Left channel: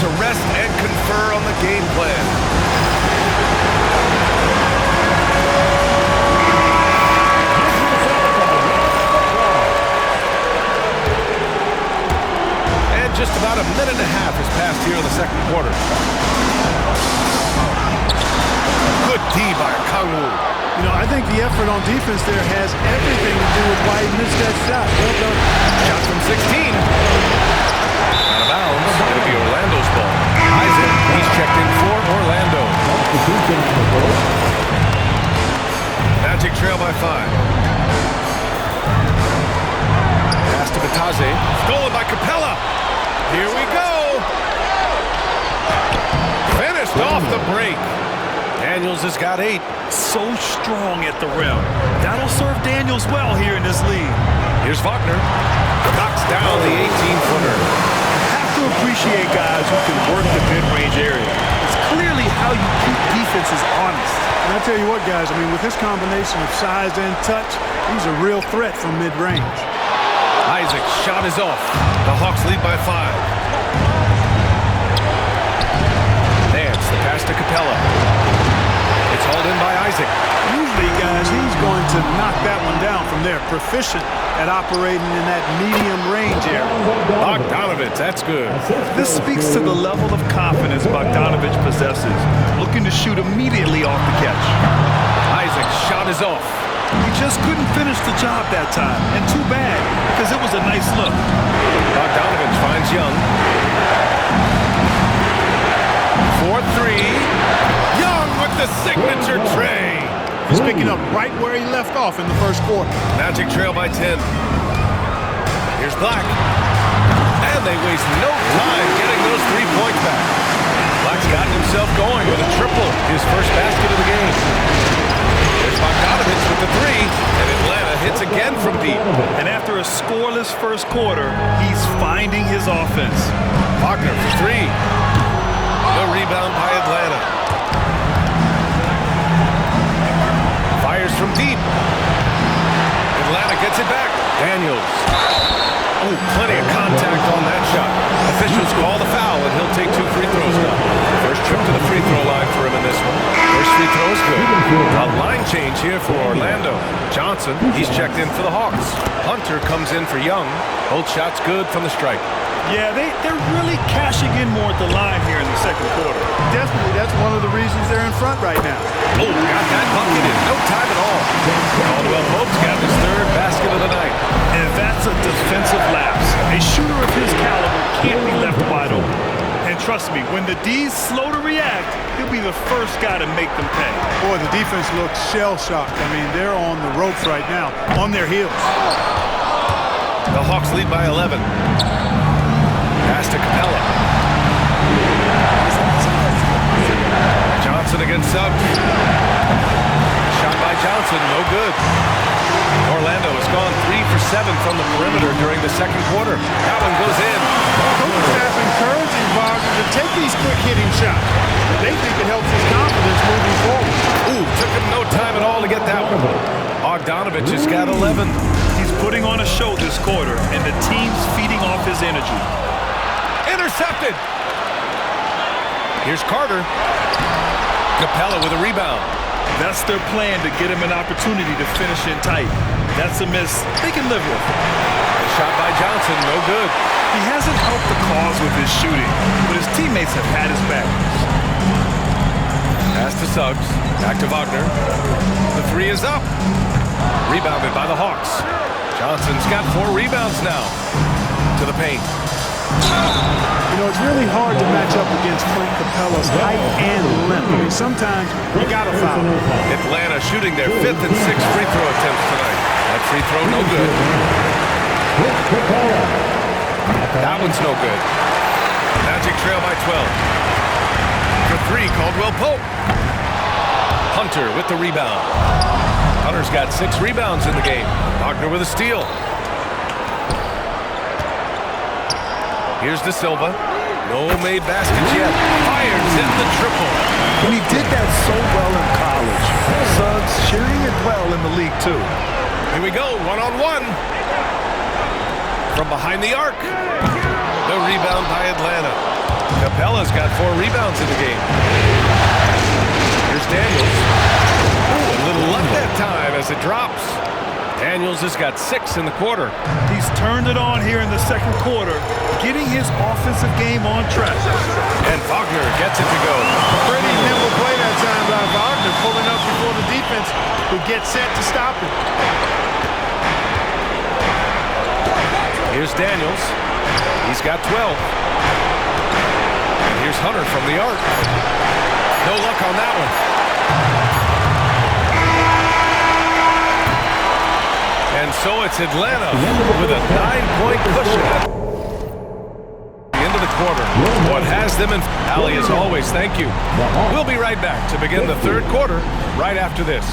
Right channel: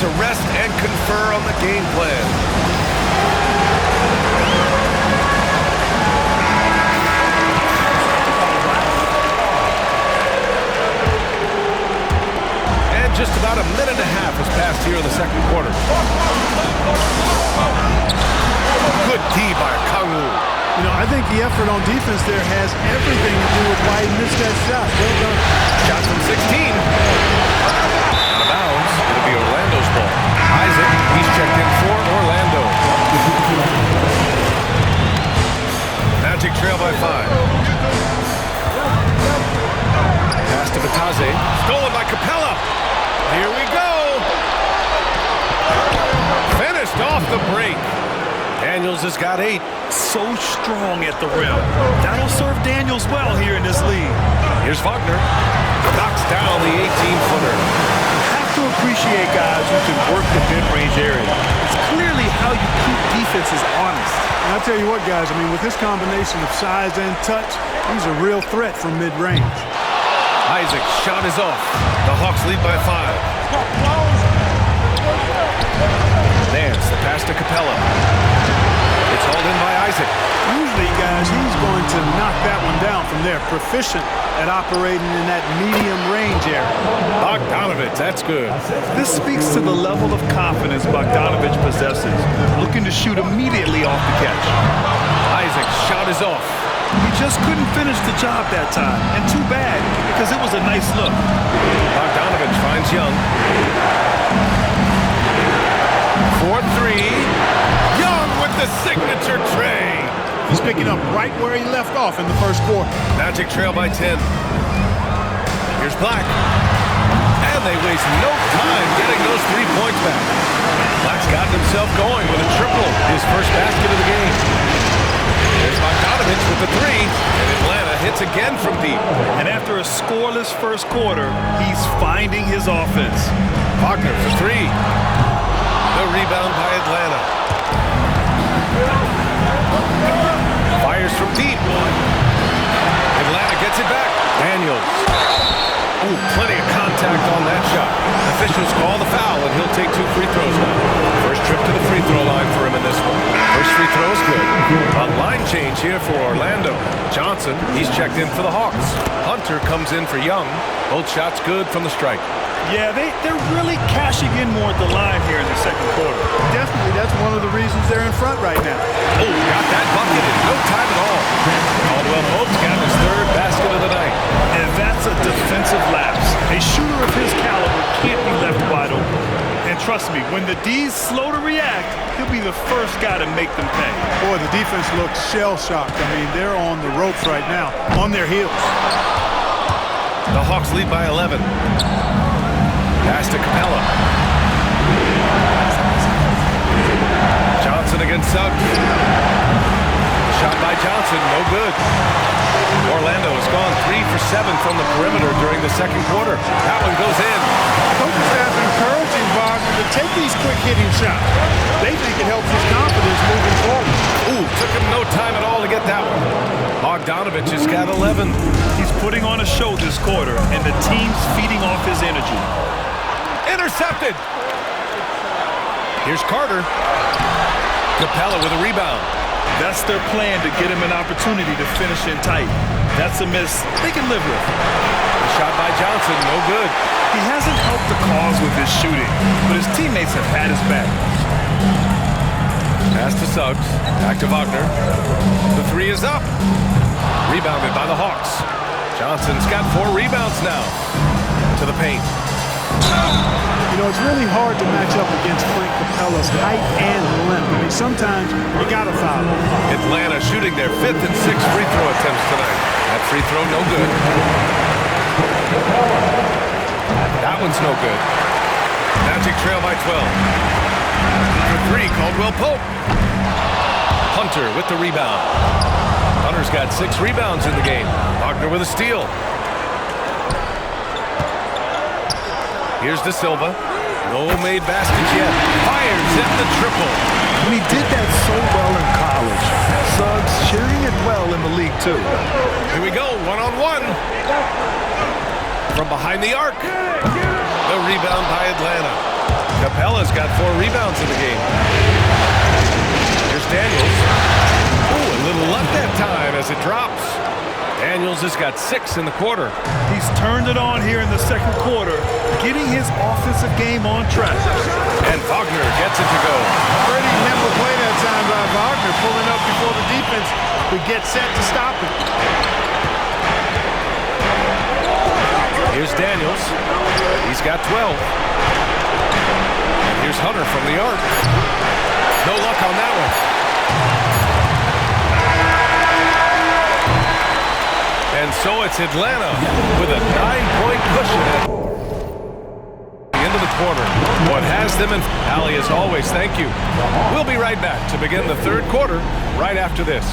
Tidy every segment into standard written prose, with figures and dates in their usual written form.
to rest and confer on the game plan. And just about a minute and a half has passed here in the second quarter. Good D by Kangwoo. You know, I think the effort on defense there has everything to do with why he missed that shot. Well done. Shot from 16. Out of bounds. It'll be Orlando's ball. Isaac, he's checked in for Orlando. Magic trail by 5. Pass to Batase. Stolen by Capella. Here we go. Finished off the break. Daniels has got 8. So strong at the rim. That'll serve Daniels well here in this league. Here's Wagner. Knocks down the 18-footer. You have to appreciate guys who can work the mid-range area. It's clearly how you keep defenses honest. And I tell you what, guys, I mean, with this combination of size and touch, he's a real threat from mid-range. Isaac's shot is off. The Hawks lead by 5. Nance, the pass to Capella. It's hauled in by Isaac. Usually, guys, he's going to knock that one down from there. Proficient at operating in that medium range area. Bogdanovich, that's good. This speaks to the level of confidence Bogdanovich possesses, looking to shoot immediately off the catch. Isaac's shot is off. He just couldn't finish the job that time, and too bad, because it was a nice look. Bogdanovich finds Young. 4-3. Young with the signature tray. He's picking up right where he left off in the first quarter. Magic trail by 10. Here's Black. And they waste no time getting those 3 points back. Black's gotten himself going with a triple, his first basket of the game. There's Bogdanovich with the 3, and Atlanta hits again from deep. And after a scoreless first quarter, he's finding his offense. Wagner for 3. The rebound by Atlanta. Fires from deep. Atlanta gets it back. Daniels. Ooh, plenty of contact on that shot. Officials call the foul, and he'll take 2 free throws now. First trip to the free throw line for him in this one. First free throw is good. A line change here for Orlando. Johnson, he's checked in for the Hawks. Hunter comes in for Young. Both shots good from the stripe. Yeah, they're really cashing in more at the line here in the second quarter. Definitely, that's one of the reasons they're in front right now. Oh, got that bucket in no time at all. Caldwell Pope's got his 3rd basket of the night. And that's a defensive lapse. A shooter of his caliber can't be left wide open. And trust me, when the D's slow to react, he'll be the first guy to make them pay. Boy, the defense looks shell-shocked. I mean, they're on the ropes right now, on their heels. The Hawks lead by 11. Pass to Capella. Johnson against Suggs. Shot by Johnson, no good. Orlando has gone 3 for 7 from the perimeter during the second quarter. That one goes in. Coaching staff encouraging Wagner to take these quick-hitting shots. They think it helps his confidence moving forward. Ooh, took him no time at all to get that one. Bogdanovich has got 11. He's putting on a show this quarter, and the team's feeding off his energy. Intercepted. Here's Carter. Capella with a rebound. That's their plan, to get him an opportunity to finish in tight. That's a miss they can live with. The shot by Johnson, no good. He hasn't helped the cause with his shooting, but his teammates have had his back. Pass to Suggs. Back to Wagner. The 3 is up. Rebounded by the Hawks. Johnson's got 4 rebounds now. To the paint. You know, it's really hard to match up against Clint Capella's height and length. I mean, sometimes you got to foul him. Atlanta shooting their 5th and 6th free throw attempts tonight. That free throw, no good. That one's no good. Magic trail by 12. For 3, Caldwell Pope. Hunter with the rebound. Hunter's got 6 rebounds in the game. Wagner with a steal. Here's De Silva. No made baskets yet. Fires in the triple. And he did that so well in college. Suggs shooting it well in the league, too. Here we go, one-on-one. From behind the arc. The rebound by Atlanta. Capella's got 4 rebounds in the game. Here's Daniels. Ooh, a little luck that time as it drops. Daniels has got 6 in the quarter. He's turned it on here in the second quarter, getting his offensive game on track. And Wagner gets it to go. Pretty nimble play that time by Wagner, pulling up before the defense could get set to stop him. Here's Daniels. He's got 12. And here's Hunter from the arc. No luck on that one. And so it's Atlanta with a 9-point cushion at the end of the quarter. What has them in... Allie, as always, thank you. We'll be right back to begin the third quarter right after this.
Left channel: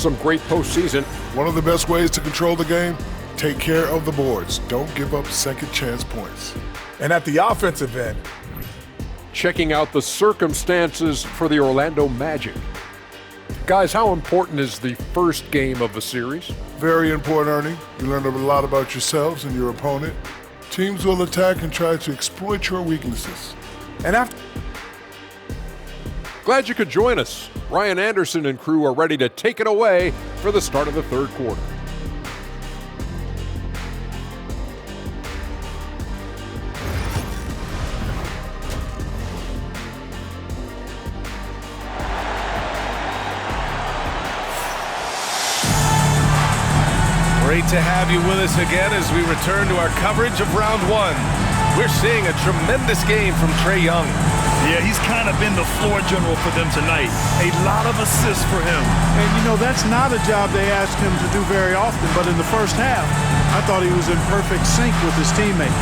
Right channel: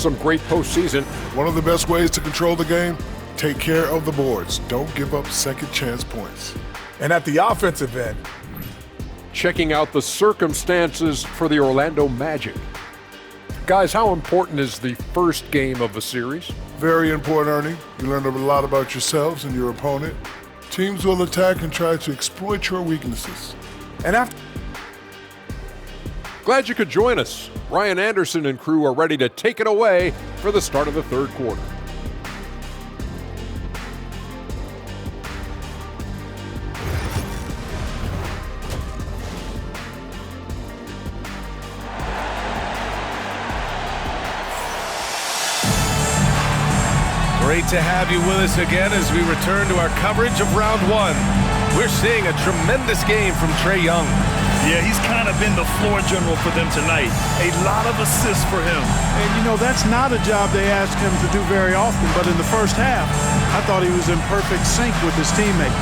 Some great postseason. One of the best ways to control the game, take care of the boards. Don't give up second chance points. And at the offensive end, Checking out the circumstances for the Orlando Magic. Guys, how important is the first game of the series? Very important, Ernie. You learn a lot about yourselves and your opponent. Teams will attack and try to exploit your weaknesses. and after Glad you could join us. Ryan Anderson and crew are ready to take it away for the start of the third quarter. Great to have you with us again as we return to our coverage of round one. We're seeing a tremendous game from Trae Young. Yeah, he's kind of been the floor general for them tonight. A lot of assists for him. And, you know, that's not a job they ask him to do very often, but in the first half, I thought he was in perfect sync with his teammates.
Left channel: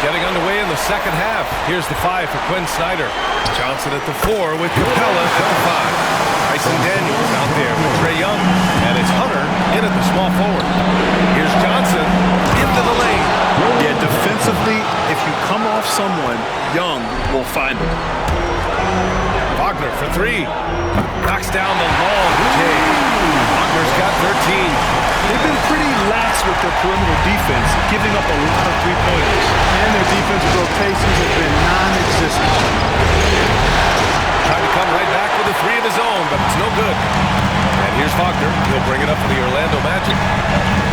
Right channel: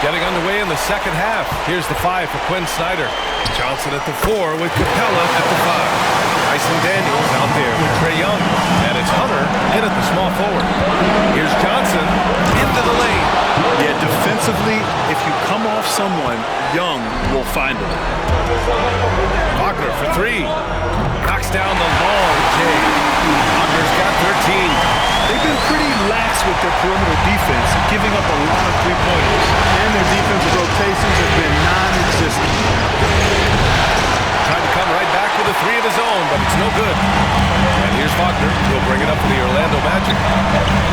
Getting underway in the second half. Here's the 5 for Quinn Snyder. Johnson at the 4 with Capella at the 5. Bryson Daniels out there with Trae Young. And it's Hunter in at the small forward. Here's Johnson into the lane. Yeah, defensively, if you come off someone, Young will find him. Wagner for 3. Knocks down the long J. Wagner's got 13. They've been pretty lax with their perimeter defense, giving up a lot of three-pointers. And their defensive rotations have been non-existent. Tried to come right back with a 3 of his own, but it's no good. And here's Wagner. He'll bring it up for the Orlando Magic.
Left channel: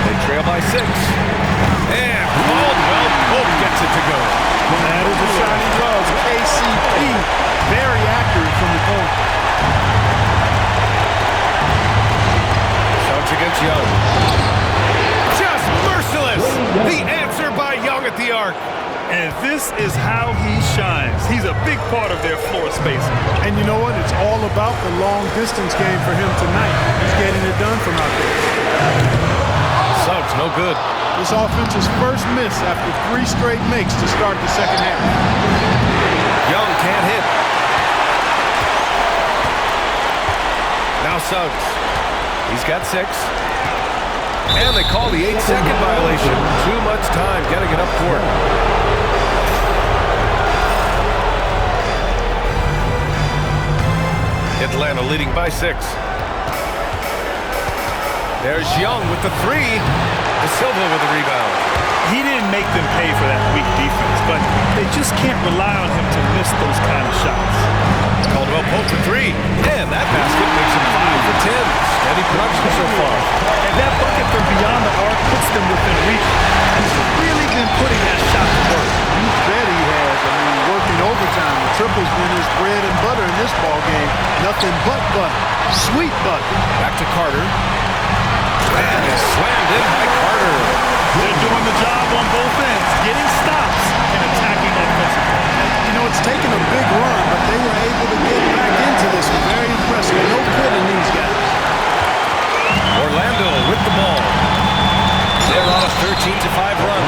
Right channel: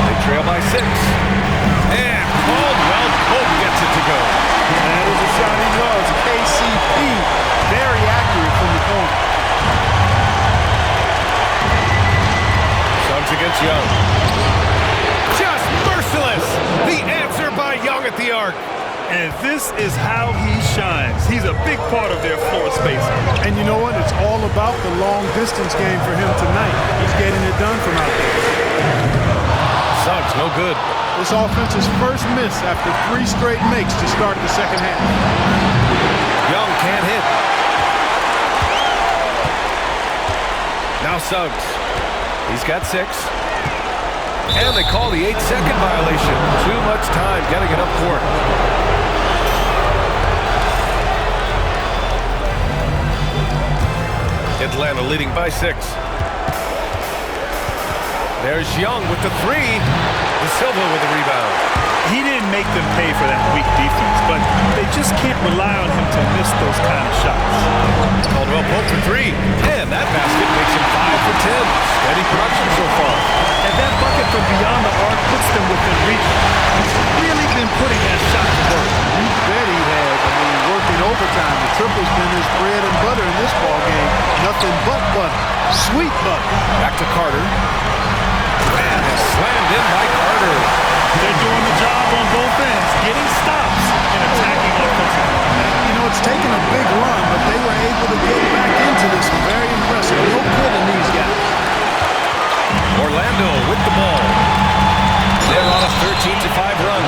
They trail by 6. And Caldwell Pope gets it to go. That is a shot he loves. KCP, very accurate from the corner. Suggs against Young. Just merciless. The answer by Young at the arc. And this is how he shines. He's a big part of their floor spacing. And you know what? It's all about the long-distance game for him tonight. He's getting it done from out there. Suggs, no good. This offense's first miss after 3 straight makes to start the second half. Young can't hit. Now Suggs. He's got 6. And they call the 8-second violation. Too much time getting it up court. Atlanta leading by 6. There's Young with the 3. De Silva with the rebound. He didn't make them pay for that weak defense, but they just can't rely on him to miss those kind of shots. Caldwell Pope for 3. And that basket makes him 5 for 10. Steady production so far. And that bucket from beyond the arc puts them within reach. He's really been putting that shot to work. You bet he has. I mean, working overtime. The triple's been his bread and butter in this ball game. Nothing but butter. Sweet butter. Back to Carter. And it's slammed in by Carter. They're doing the job on both ends, getting stops and attacking offensively. And, you know, it's taken a big run, but they were able to get back into this one. Very impressive. No quitting these guys. Orlando with the ball. They're on a 13-5 run.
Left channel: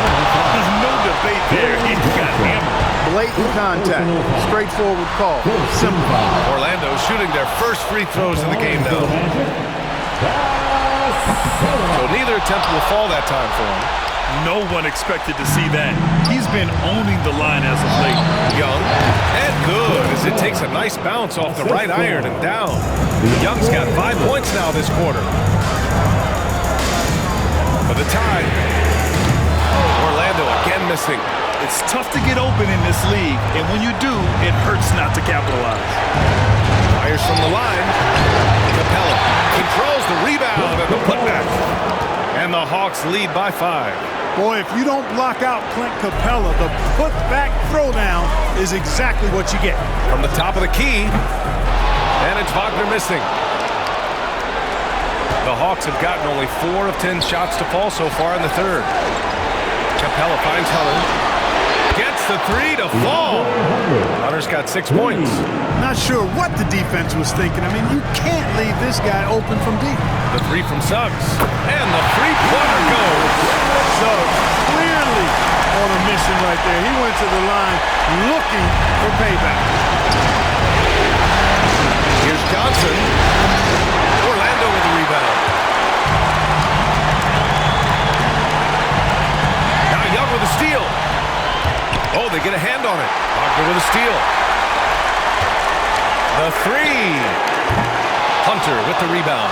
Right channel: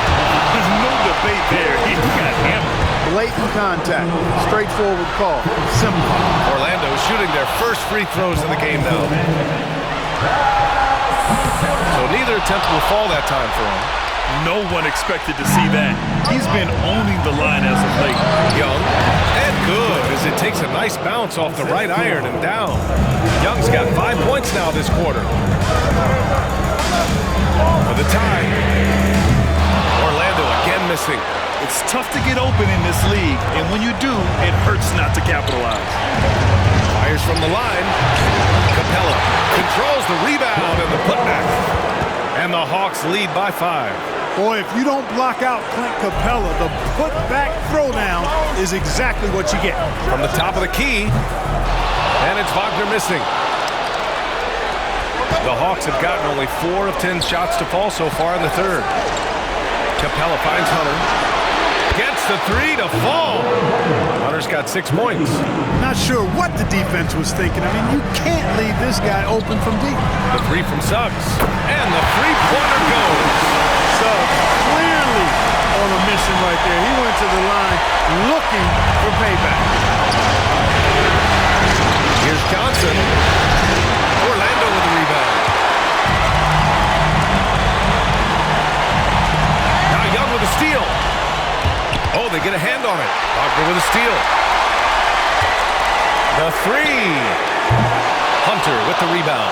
No debate there. He got hammered. Blatant contact. Straightforward call. Simple. Orlando shooting their first free throws of the game now. So neither attempt will fall that time for him. No one expected to see that. He's been owning the line as of late. Young, and good as it takes a nice bounce off the right iron and down. Young's got 5 points now this quarter. For the tie. Orlando again missing. It's tough to get open in this league, and when you do, it hurts not to capitalize. Fires from the line. Capella controls the rebound and the putback. And the Hawks lead by 5. Boy, if you don't block out Clint Capella, the put-back throwdown is exactly what you get. From the top of the key, and it's Wagner missing. The Hawks have gotten only 4 of 10 shots to fall so far in the third. Capella finds Hunter. Gets the 3 to fall. Hunter's got 6 points. Not sure what the defense was thinking. I mean, you can't leave this guy open from deep. The 3 from Suggs. And the three-pointer goes. Suggs clearly on a mission right there. He went to the line looking for payback. Here's Johnson. Orlando with the rebound. Now Young with a steal. Oh, they get a hand on it. Wagner with a steal. The 3. Hunter with the rebound.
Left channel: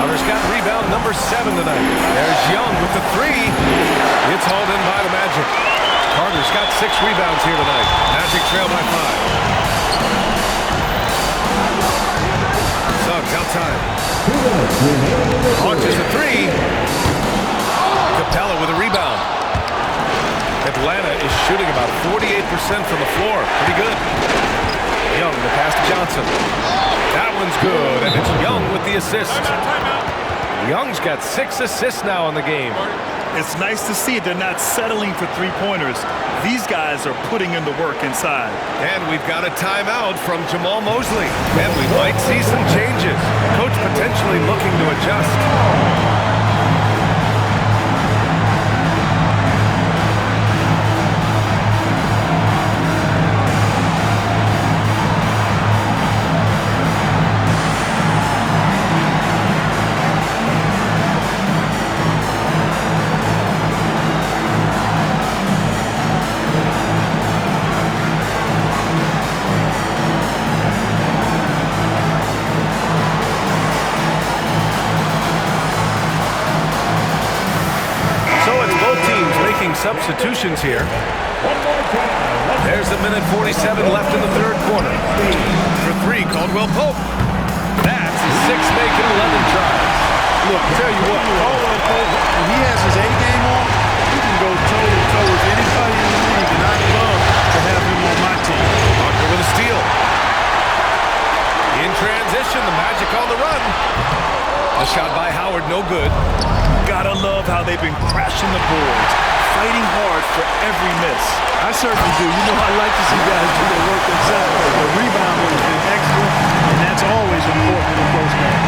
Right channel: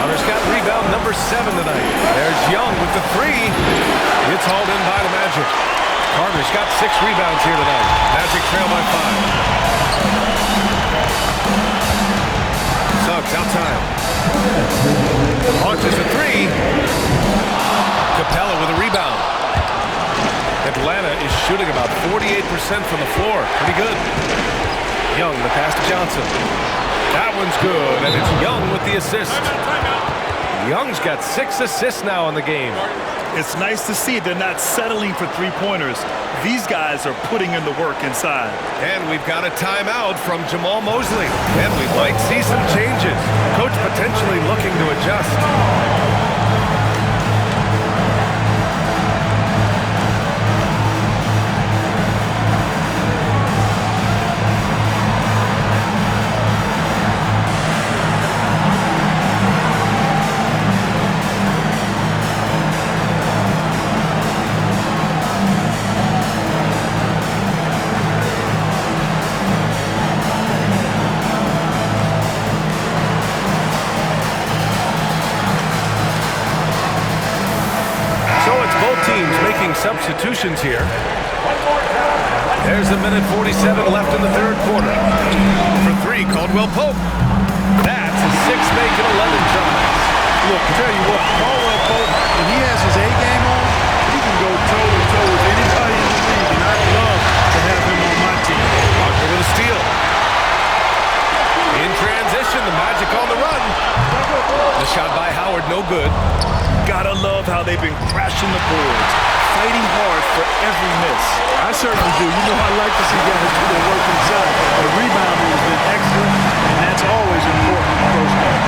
Hunter's got rebound number 7 tonight. There's Young with the 3. It's hauled in by the Magic. Carter's got 6 rebounds here tonight. Magic trail by 5. Suggs outside. Launches the 3. Capella with a rebound. Atlanta is shooting about 48% from the floor. Pretty good. Young, the pass to Johnson. That one's good, and it's Young with the assist. Timeout. Young's got 6 assists now in the game. It's nice to see they're not settling for three-pointers. These guys are putting in the work inside. And we've got a timeout from Jamal Mosley. And we might see some changes. Coach potentially looking to adjust. Teams making substitutions here. There's a minute 47 left in the third quarter. For 3, Caldwell Pope. That's his 6th make in 11 tries. Look, tell you what, Caldwell Pope, when he has his A game on, he can go toe-to-toe with anybody in the league, and I'd love to have him on my team. Wagner with a steal. In transition, the Magic on the run. The shot by Howard, no good. Gotta love how they've been crashing the boards, fighting hard for every miss. I certainly do. You know, I like to see guys do their work inside. The rebounding has been excellent, and that's always important in a close game.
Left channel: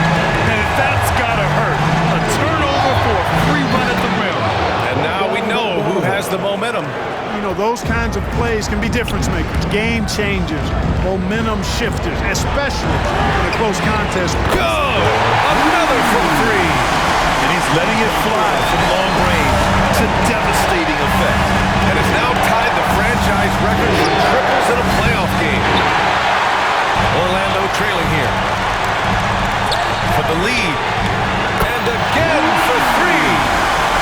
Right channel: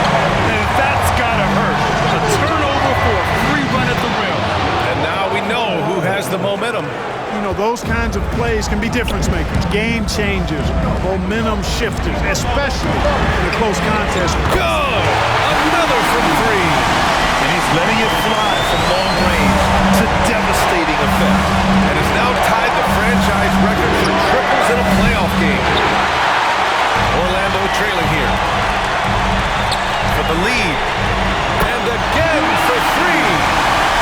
And that's gotta hurt. A turnover for a free run at the rim. And now we know who has the momentum. You know, those kinds of plays can be difference makers, game changers, momentum shifters, especially in a close contest. Good! Another from 3. And he's letting it fly from long range to devastating effect. And has now tied the franchise record for triples in a playoff game. Orlando trailing here. For the lead. And again for 3.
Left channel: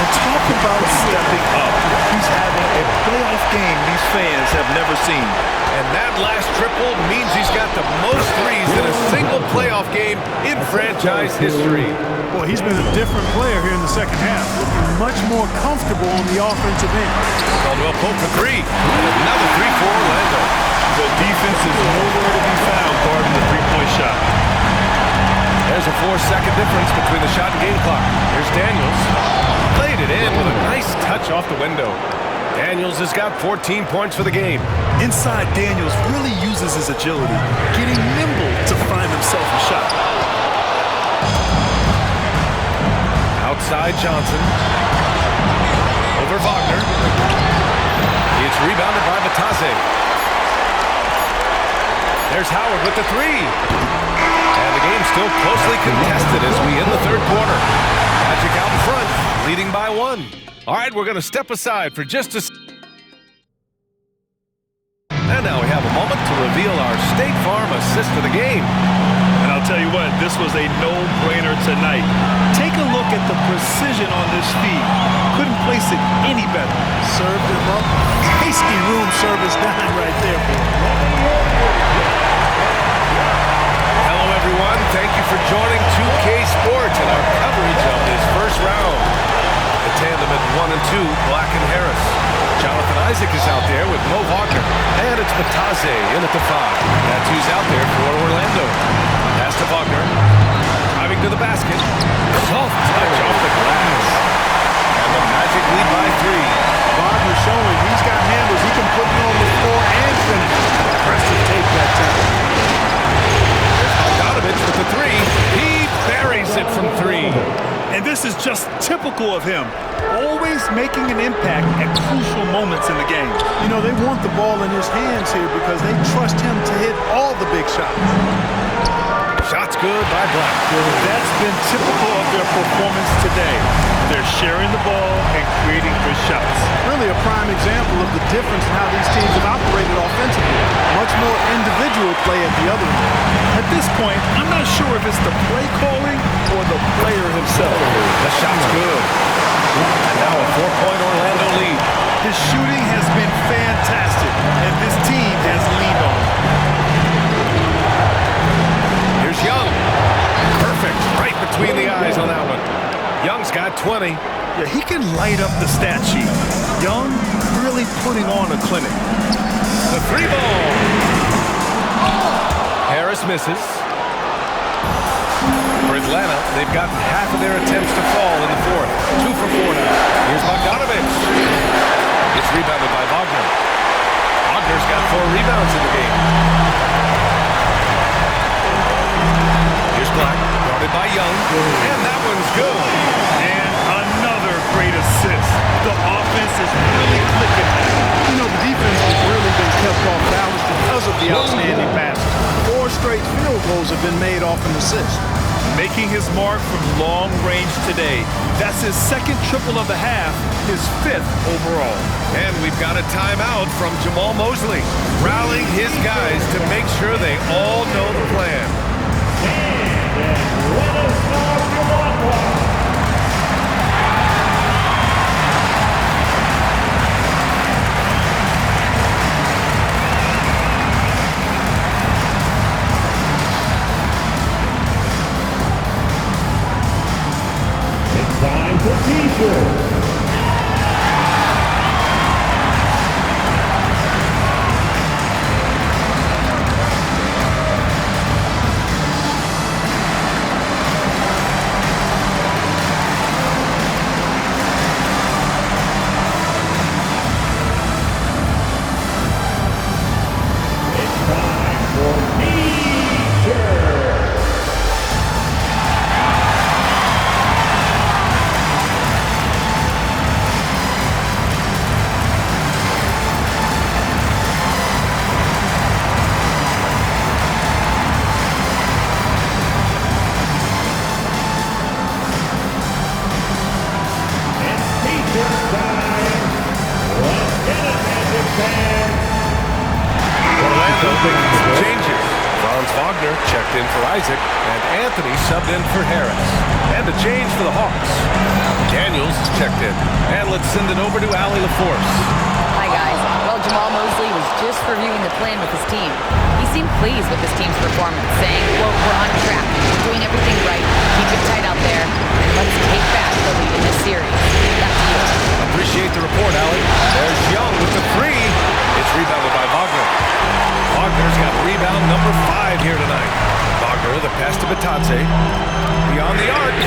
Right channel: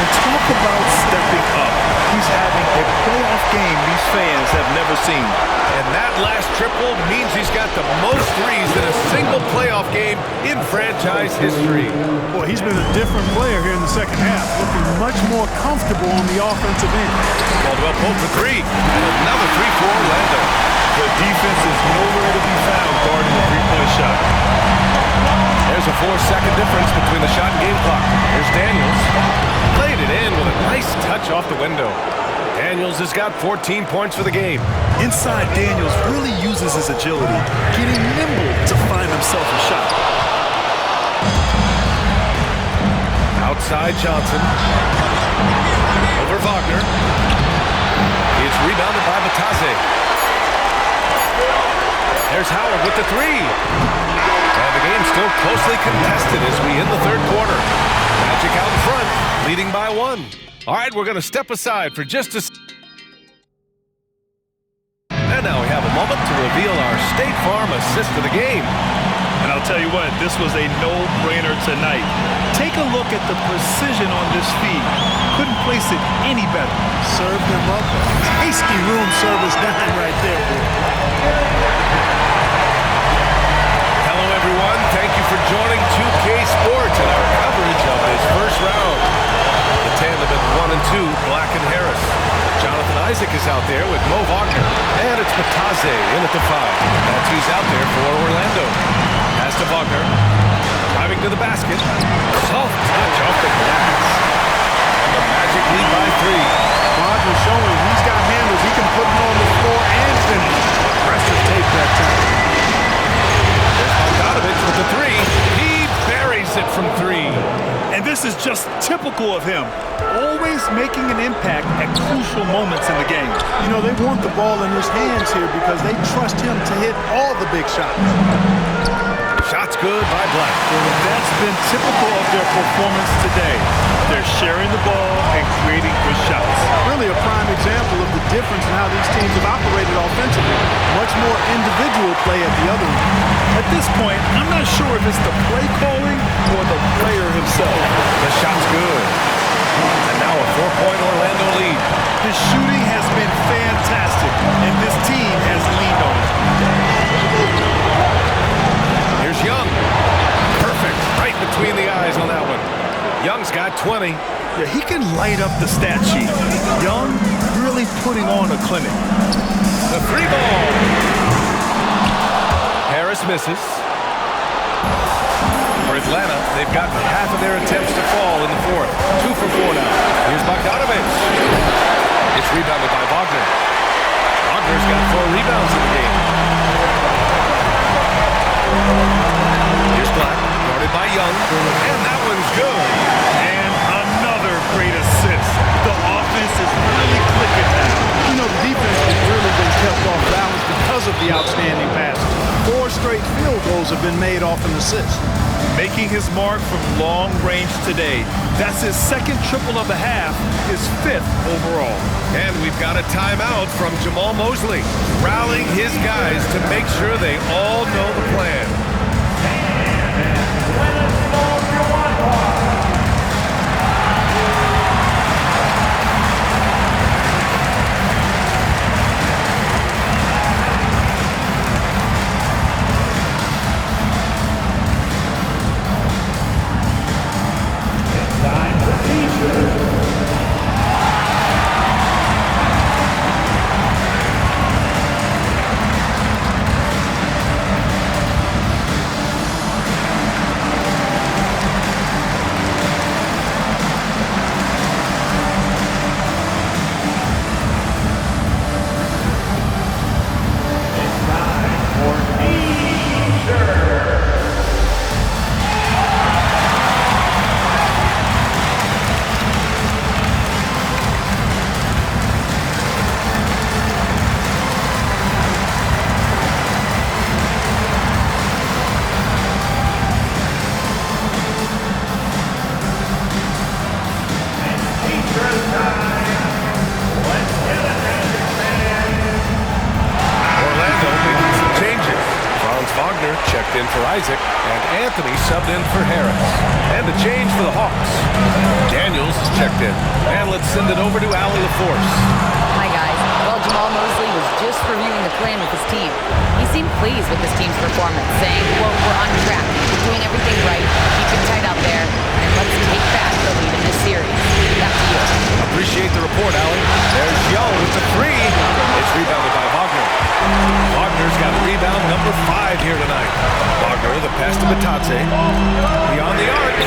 And talk about stepping up. He's having a playoff game these fans have never seen. And that last triple means he's got the most threes in a single playoff game in franchise history. Boy, he's been a different player here in the second half, looking much more comfortable on the offensive end. Caldwell Pope for 3, and another 3 for Orlando. The defense is nowhere to be found guarding the three-point shot. There's a 4-second difference between the shot and game clock. Here's Daniels. Played it in with a nice touch off the window. Daniels has got 14 points for the game. Inside, Daniels really uses his agility, getting nimble to find himself a shot. Outside Johnson. Over Wagner. It's rebounded by Batase. There's Howard with the 3. And the game's still closely contested as we end the third quarter. Magic out in front, leading by 1. All right, we're going to step aside for just a And now we have a moment to reveal our State Farm assist of the game. And I'll tell you what, this was a no-brainer tonight. Take a look at the precision on this feed. Couldn't place it any better. Served him up a tasty room service dime right there, boy. Hello, everyone. Thank you for joining 2K Sports and our coverage of this first round. The tandem at 1 and 2, Black and Harris. Jonathan Isaac is out there with Mo Wagner. And it's Bataze in at the 5. That's who's out there for Orlando. Pass to Wagner. Driving to the basket. Soft touch off the glass. And the Magic lead by 3. Wagner showing he's got handles. He can put it on the floor and finish. Aggressive tape that time. There's Bogdanovich with the 3. He buries it from 3. And this is just typical of him. Always making an impact at crucial moments in the game. You know, they want the ball in his hands here because they trust him to hit all the big shots. Shots good by Black. That's been typical of their performance today. They're sharing the ball and creating good shots. Really a prime example of the difference in how these teams have operated offensively. Much more individual play at the other end. At this point, I'm not sure if it's the play calling or the player himself. The shot's good. And now a 4-point Orlando lead. His shooting has been fantastic, and this team has leaned on it. Here's Young. Perfect. Right between the eyes on that one. Young's got 20. Yeah, he can light up the stat sheet. Young really putting on a clinic. The 3 ball. Harris misses. For Atlanta, they've gotten half of their attempts to fall in the 4th. 2 for 4 now. Here's Bogdanovich. It's rebounded by Wagner. Wagner's got 4 rebounds in the game. Here's Black, guarded by Young, and that one's good. And another great assist. The offense is really clicking now. You know, the defense has really been kept off balance because of the outstanding passes. 4 straight field goals have been made off an assist. Making his mark from long range today. That's his 2nd triple of the half, his 5th overall. And we've got a timeout from Jamal Mosley, rallying his guys to make sure they all know the plan. Time for T-shirts. Orlando making some changes. Franz Wagner checked in for Isaac, and Anthony subbed in for Harris. And a change for the Hawks. Daniels is checked in. And let's send it over to Allie LaForce. Hi, guys. Well, Jamal Mosley was just reviewing the plan with his team. He seemed pleased with his team's performance, saying, quote, "We're on track. We're doing everything right. Keep it tight out there, and let's take back the lead in this series." Back to you. Appreciate the report, Allie. There's Young with the 3. It's rebounded by Wagner. Wagner's got rebound number 5 here tonight. Wagner, the pass to Bataze. Beyond the arc.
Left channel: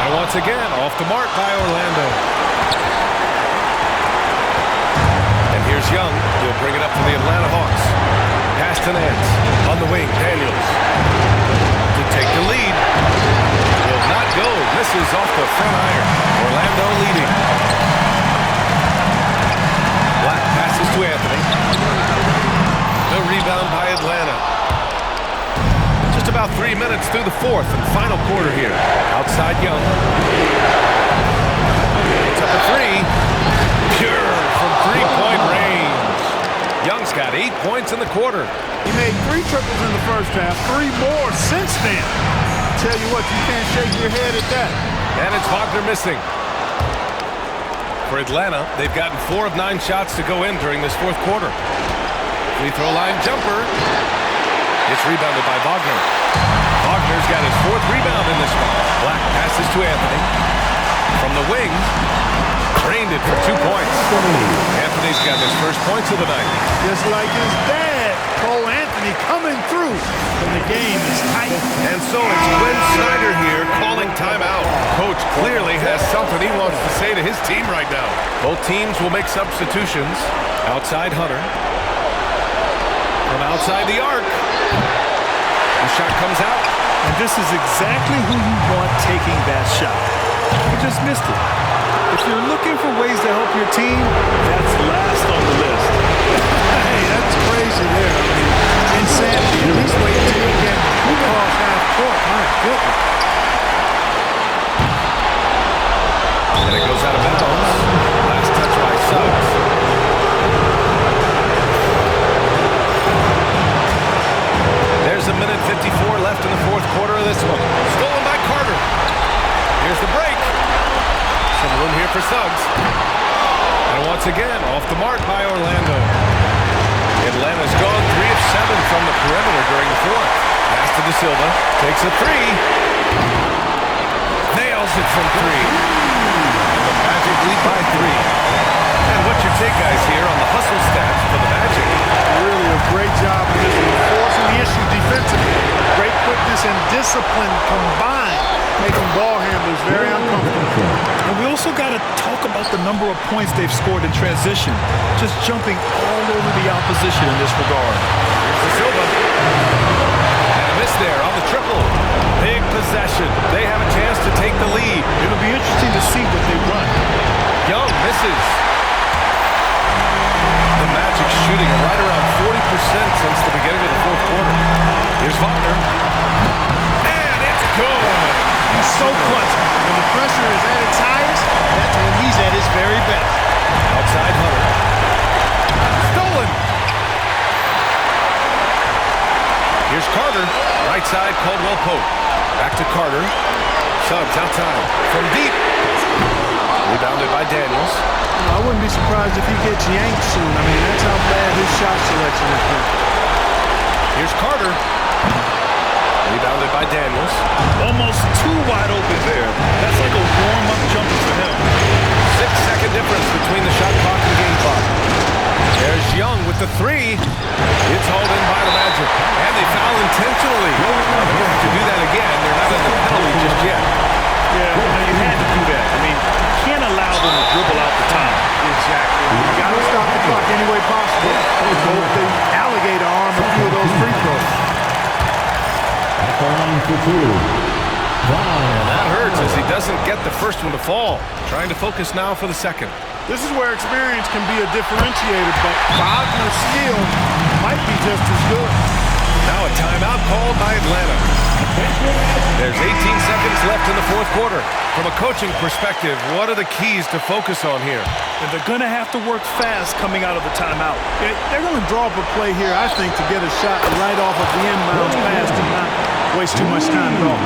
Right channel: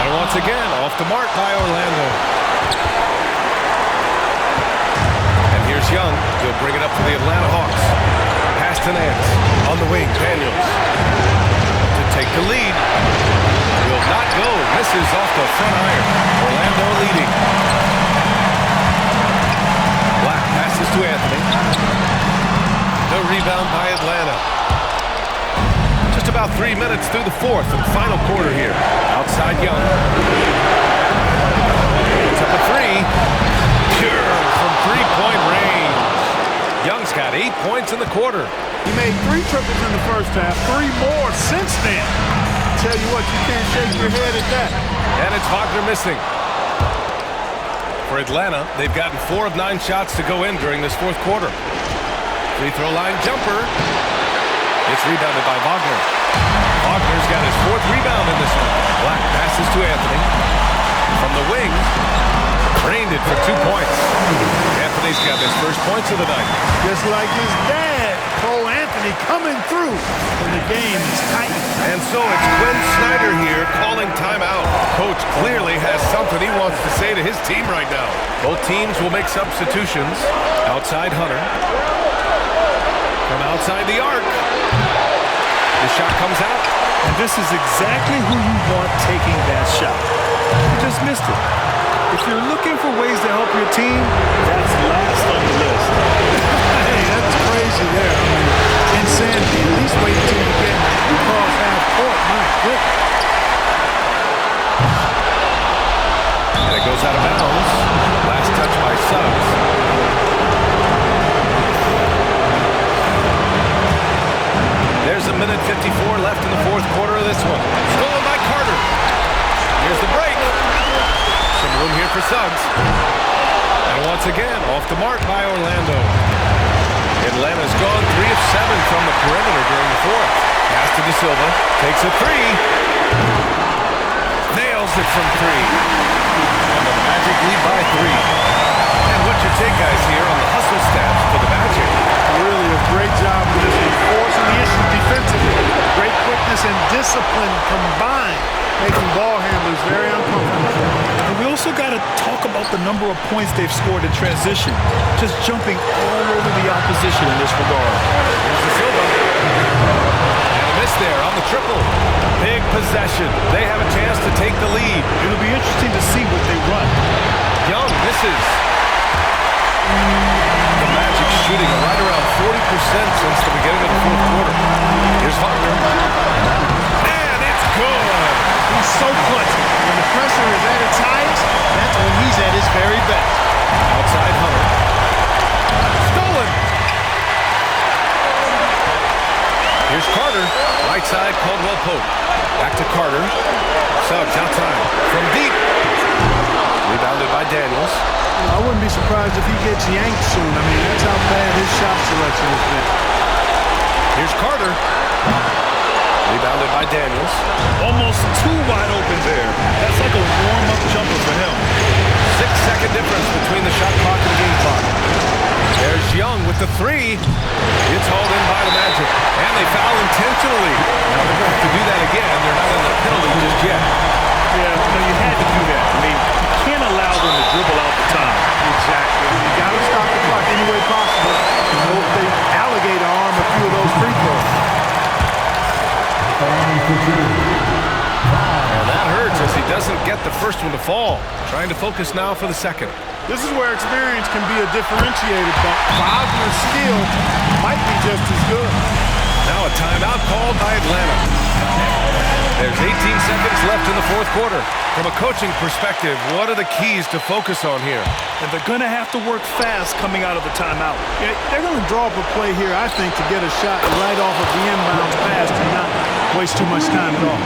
And once again, off the mark by Orlando. And here's Young. He'll bring it up for the Atlanta Hawks. Pass to Nance. On the wing, Daniels. To take the lead. Will not go. Misses off the front iron. Orlando leading. Black passes to Anthony. The rebound by Atlanta. Just about 3 minutes through the 4th and final quarter here. Outside Young. To up a three. Pure from three-point range. Young's got 8 points in the quarter. He made 3 triples in the first half, 3 more since then. I tell you what, you can't shake your head at that. And it's Wagner missing. For Atlanta, they've gotten 4 of 9 shots to go in during this fourth quarter. Free throw line jumper. It's rebounded by Wagner. Wagner's got his 4th rebound in this one. Black passes to Anthony. From the wing, drained it for 2 points. Anthony's got his first points of the night. Just like his dad, Cole Anthony, coming through when the game is tight. And so it's Quinn Snyder here calling timeout. Coach clearly has something he wants to say to his team right now. Both teams will make substitutions. Outside Hunter. From outside the arc. The shot comes out. And this is exactly who you want taking that shot. You just missed it. If you're looking for ways to help your team, that's last on the list. Hey, that's crazy there. I mean, insanity. At least wait until you get across half court. My goodness. And it goes out of bounds. Last touch by Suggs. There's a minute 54 left in the fourth quarter of this one. Stolen by Carter. Here's the break. Some room here for Suggs. And once again, off the mark by Orlando. Atlanta's gone 3 of 7 from the perimeter during the fourth. Pass to De Silva. Takes a three. Nails it from 3. And the Magic lead by 3. And what's your take, guys, here on the hustle stats for the Magic? Really a great job of this one, forcing the issue defensively. Great quickness and discipline combined, making ball handlers very uncomfortable. And we also got to talk about the number of points they've scored in transition. Just jumping all over the opposition in this regard. Here's De Silva. And a miss there on the triple. Big possession. They have a chance to take the lead. It'll be interesting to see what they run. Young misses. The Magic shooting right around 40% since the beginning of the fourth quarter. Here's Wagner. And it's good. He's so clutch. When the pressure is at its highest, that's when he's at his very best. Outside Hunter. Stolen. Here's Carter. Right side, Caldwell Pope. Back to Carter. Suggs outside. From deep. Rebounded by Daniels. You know, I wouldn't be surprised if he gets yanked soon. I mean, that's how bad his shot selection has been. Here's Carter. Rebounded by Daniels. Almost too wide open there. That's like a warm-up jumper for him. 6-second difference between the shot clock and game clock. There's Young with the three. It's hauled in by the Magic. And they foul intentionally. Now they're going to have to do that again. They're not in the penalty just yet. Yeah, no, you had to do that. I mean, you can't allow them to dribble out the time. Exactly. You got to stop the clock any way possible. Hope they alligator arm a few of those free throws. And that hurts as he doesn't get the first one to fall. Trying to focus now for the second. This is where experience can be a differentiator, but Wagner's skill might be just as good. Now a timeout called by Atlanta. There's 18 seconds left in the fourth quarter. From a coaching perspective, what are the keys to focus on here? And they're going to have to work fast coming out of the timeout. They're going to draw up a play here, I think, to get a shot right off of the inbounds pass and not waste too much time at all.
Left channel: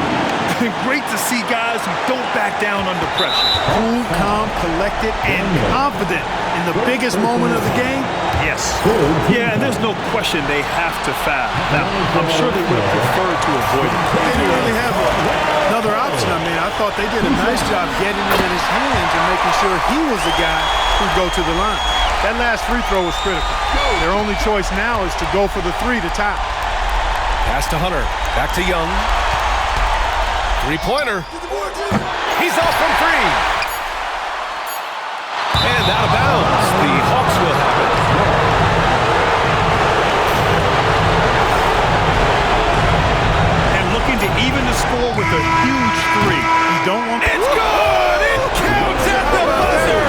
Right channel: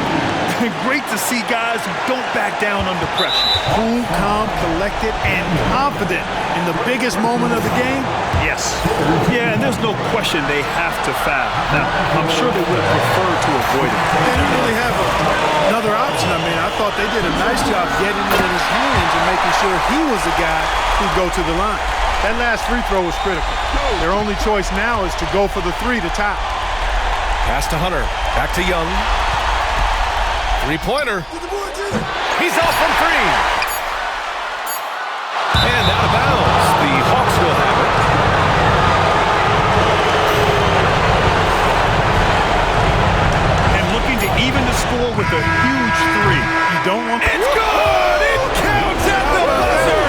Great to see guys who don't back down under pressure. Cool, calm, collected, and confident in the biggest moment of the game. Yes. Yeah, and there's no question they have to foul. Now, I'm sure they would have preferred to avoid it. They didn't really have another option. I mean, I thought they did a nice job getting it in his hands and making sure he was the guy who'd go to the line. That last free throw was critical. Their only choice now is to go for the three to tie. Pass to Hunter. Back to Young. Three-pointer. He's off from three. And out of bounds. The Hawks will have it. And looking to even the score with a huge three. You don't want... It's good! It counts at the buzzer!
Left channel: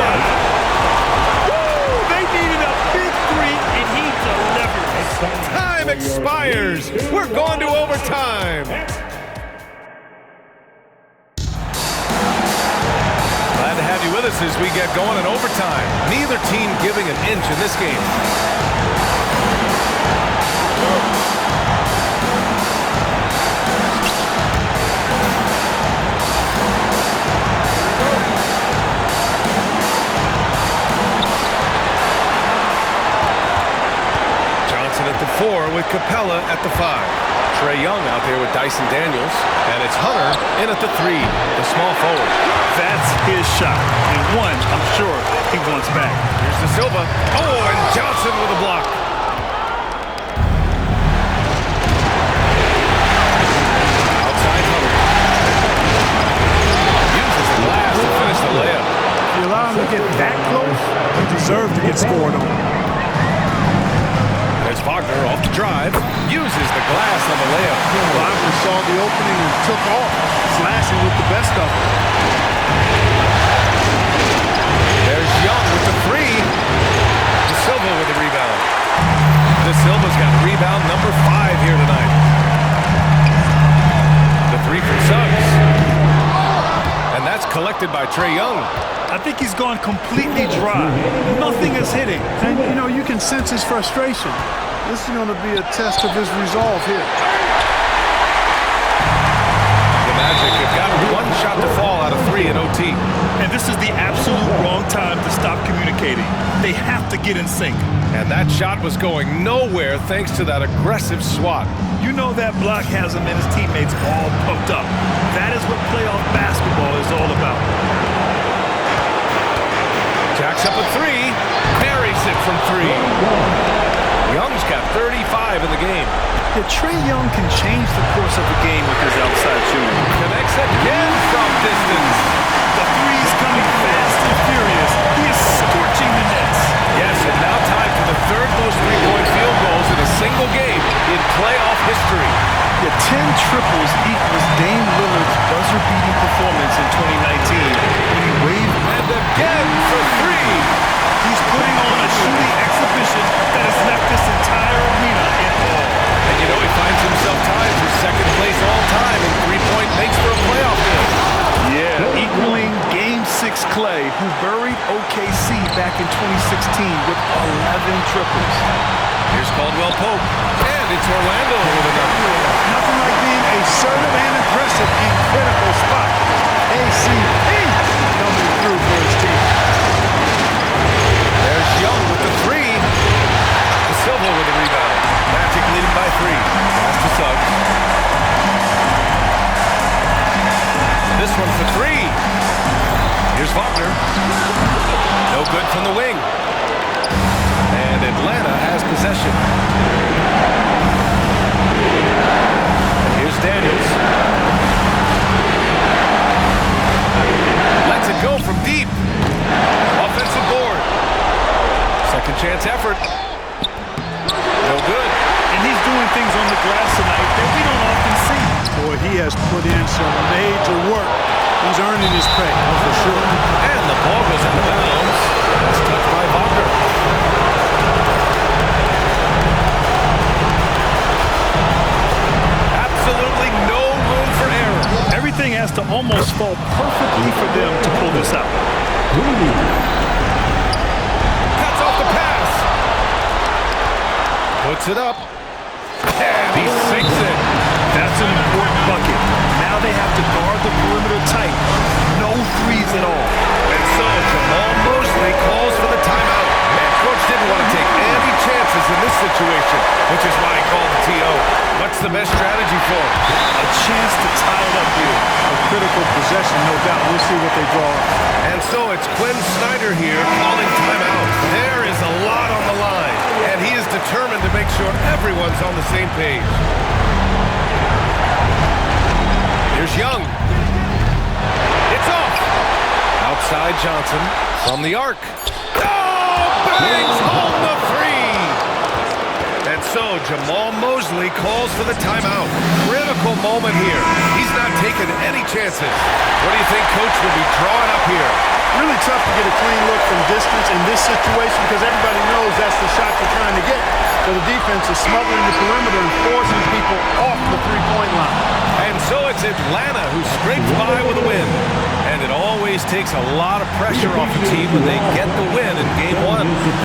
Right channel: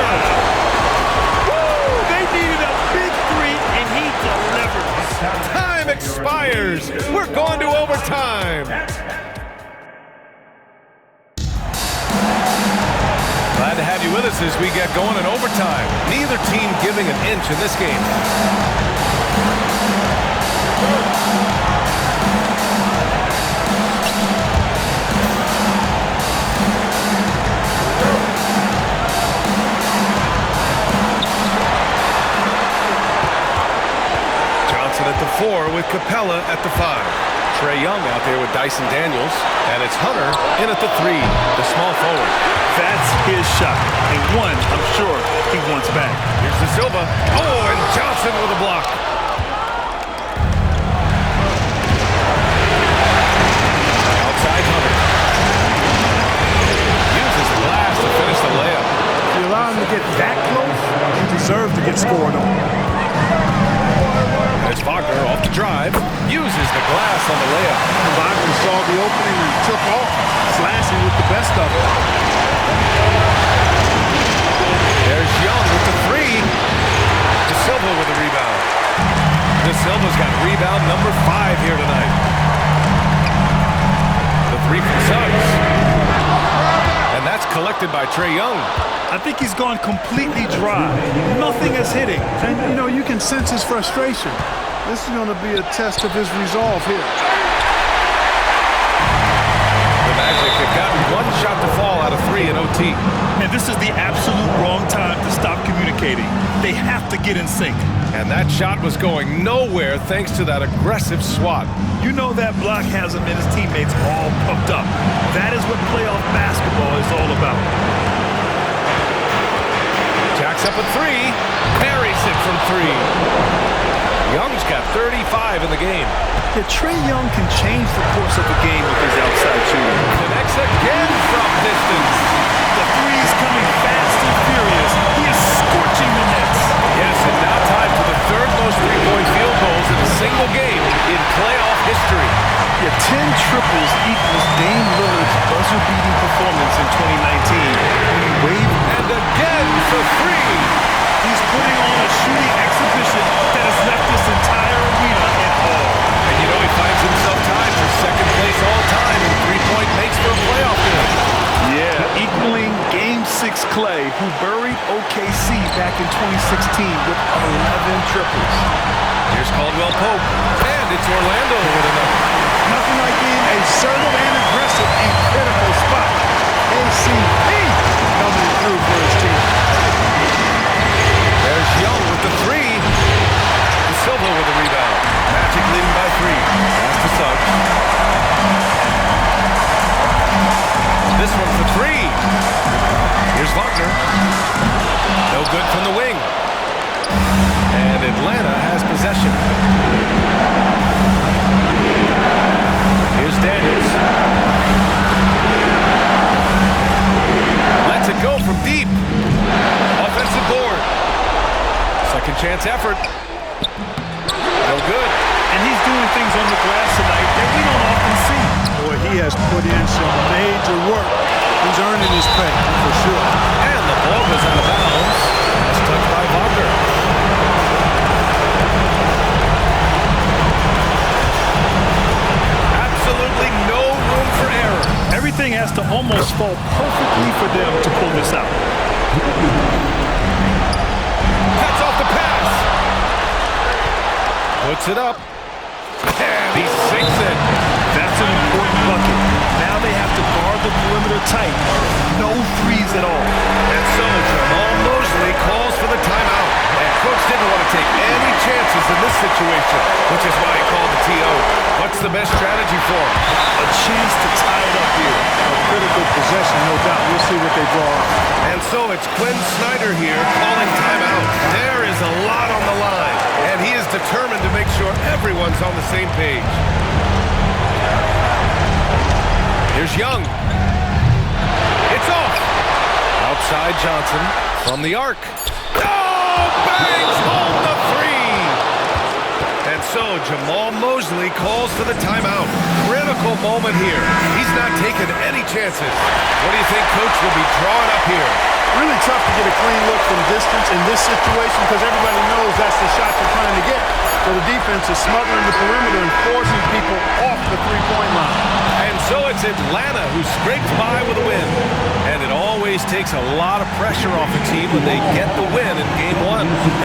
Woo! They needed a big three, and he delivers. Time expires. We're going to overtime. Glad to have you you with us as we get going in overtime. Neither team giving an inch in this game. Johnson at the 4 with Capella at the 5. Trae Young out there with Dyson Daniels. And it's Hunter in at the 3, the small forward. That's his shot. And one, I'm sure, he wants back. Here's De Silva. Oh, and Johnson with a block. Outside Hunter. Uses the glass to finish the layup. If you allow him to get that close, you deserve to get scored on. There's Wagner off the drive. Uses the glass on the layup. Wagner saw the opening and took off, slashing with the best of it. There's Young with the 3. De Silva with the rebound. De Silva's got rebound number 5 here tonight. The 3 from Suggs. And that's collected by Trae Young. I think he's gone completely dry. Nothing is hitting. And, you know, you can sense his frustration. This is going to be a test of his resolve here. The Magic have gotten one shot to fall out of 3 in OT. And this is the absolute wrong time to stop communicating. They have to get in sync. And that shot was going nowhere thanks to that aggressive swat. You know that block has him and his teammates all pumped up. That is what playoff basketball is all about. Jacks up a 3. Parries it from 3. Young's got 35 in the game. Yeah, Trae Young can change the course of the game with his outside shooting. Connects again from distance. The three's coming fast and furious. He is scorching the nets. Yes, and now time for the 3rd most three-point field goals in a single game in playoff history. Yeah, 10 triples equals Dame Lillard's buzzer-beating performance in 2019 when he waved. And again for 3. He's putting on a shooting exhibition that has left this entire arena in awe. And you know he finds himself tied for 2nd place all time in three-point makes for a playoff game. Yeah, equaling Game 6 Clay, who buried OKC back in 2016 with 11 triples. Here's Caldwell Pope, and it's Orlando with another. Nothing like being assertive and aggressive in critical spot. KCP coming through for his team. There's Young with the 3. De Silva with the rebound. Magic leading by 3. Pass to Suggs. This one for 3. Here's Wagner. No good from the wing. And Atlanta has possession. Here's Daniels. Lets it go from deep. Offensive board. Second chance effort. No good. And he's doing things on the glass tonight that we don't often see. Boy, he has put in some major work. He's earning his pay, for sure. And the ball goes out of bounds. That's touched by Wagner. Absolutely no room for error. Everything has to almost fall perfectly for them to pull this out. Cuts off the pass. Puts it up. And he sinks it. That's an important bucket. Now they have to guard the perimeter tight. No threes at all. And so Jamal Mosley calls for the timeout. And coach didn't want to take any chances in this situation, which is why he called the TO. What's the best strategy for him? A chance to tie it up here. A critical possession, no doubt. We'll see what they draw up. And so it's Quinn Snyder here calling timeout. There is a lot on the line, and he is determined to make sure everyone's on the same page. Here's Young. It's off. Outside Johnson from the arc. Oh, bangs home the 3. And so Jamal Mosley calls for the timeout. Critical moment here. He's not taking any chances. What do you think coach will be drawing up here? Really tough to get a clean look from distance in this situation because everybody knows that's the shot you're trying to get. So the defense is smothering the perimeter and forcing people off the three-point line. And so it's Atlanta who scrapes by with a win. And it always takes a lot of pressure off a team when they get the win in Game 1.